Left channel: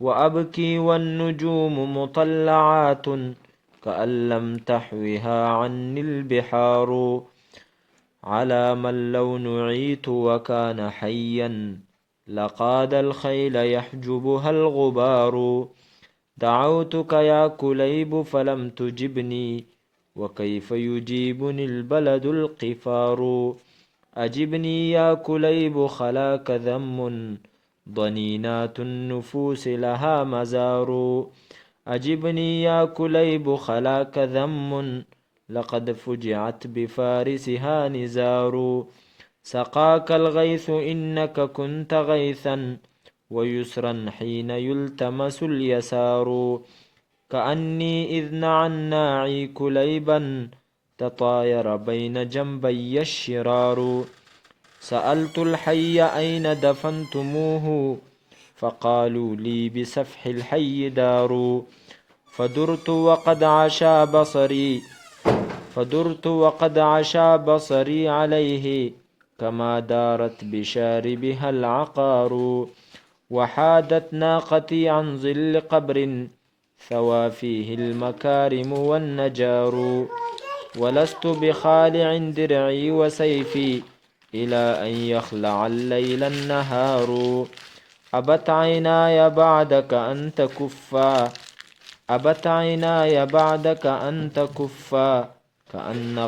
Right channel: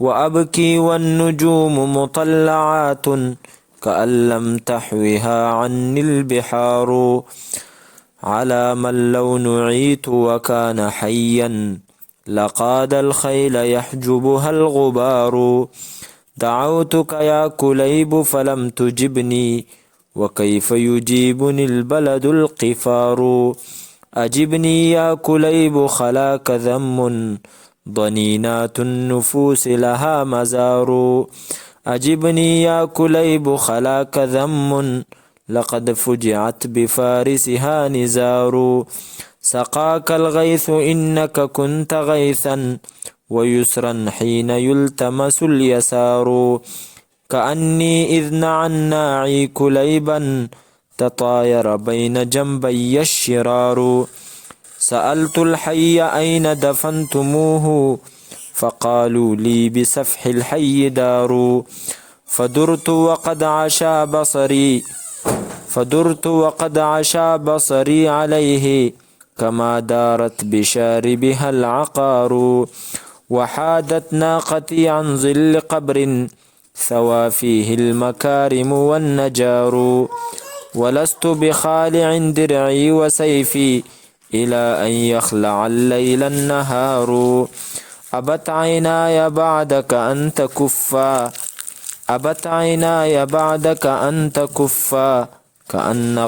وأبكي والنجوم مطلعات كأن لم تحوها عني البحار. على من لو نعيت وكان حيا لقاد الخيل يحجبها الغبار. دعوتك يا كليب فلم تجبني وكيف يجيبني البلد القفار. أجبني يا كليب خلاك ذم ضنينات النفوس لها مزار. أجبني يا كليب خلاك ذم لقد فجعت بفارسها نزار. سقاك الغيث إنك كنت غيثا ويسرا حين يلتمس اليسار. كأني إذ نعى الناعي كليبا تطاير بين جنبي الشرار. سألت الحي أين دفنتموه فقالوا لي بسفح الحي دار. فدرت وقد عشا بصري عليه كما دارت بشاربها العقار. وحادت ناقتي عن ظل قبر ثوى فيه المكارم والنجار. ولست بخالع درعي وسيفي إلى أن يخلع الليل النهار. أبت عيناي بعدك أن تكفا أبت عيناي بعدك أن تكفا كأن